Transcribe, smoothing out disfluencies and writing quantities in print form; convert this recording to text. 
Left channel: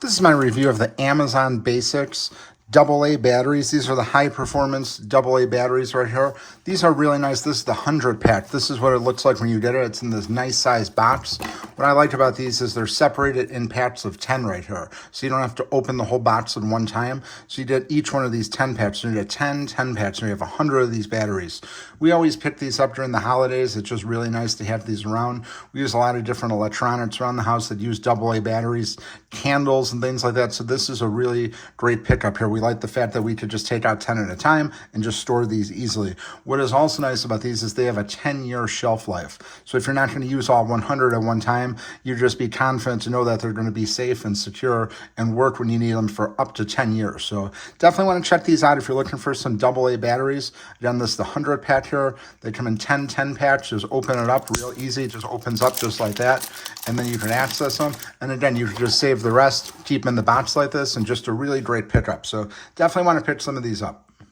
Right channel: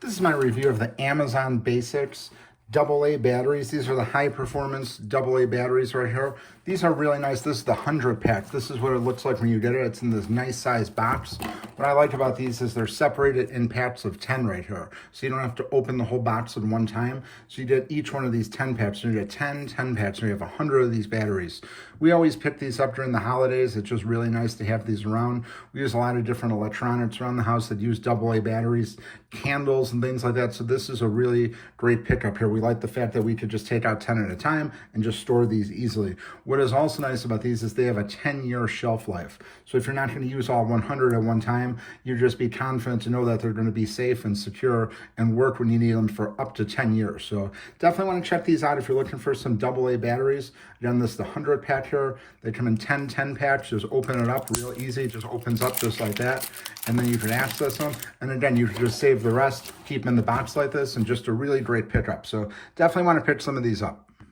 This is my review of the Amazon Basics AA batteries. These are the high performance AA batteries right here. These are really nice. This is the 100 pack. This is what it looks like when you get it. It's in this nice size box. What I like about these is they're separated in packs of 10 right here. So you don't have to open the whole box in one time. So you did each one of these 10 packs. So you get 10 packs, and you have 100 of these batteries. We always pick these up during the holidays. It's just really nice to have these around. We use a lot of different electronics around the house that use AA batteries, candles and things like that. So this is a really great pickup here. We like the fact that we could just take out 10 at a time and just store these easily. What is also nice about these is they have a 10-year shelf life. So if you're not going to use all 100 at one time, you just be confident to know that they're going to be safe and secure and work when you need them for up to 10 years. So definitely want to check these out if you're looking for some AA batteries. Again, this is the 100 pack here. They come in 10 packs. Just open it up real easy. It just opens up just like that. And then you can access them. And again, you can just save the rest, keep them in the box like this, and just a really great pickup. So definitely want to pick some of these up.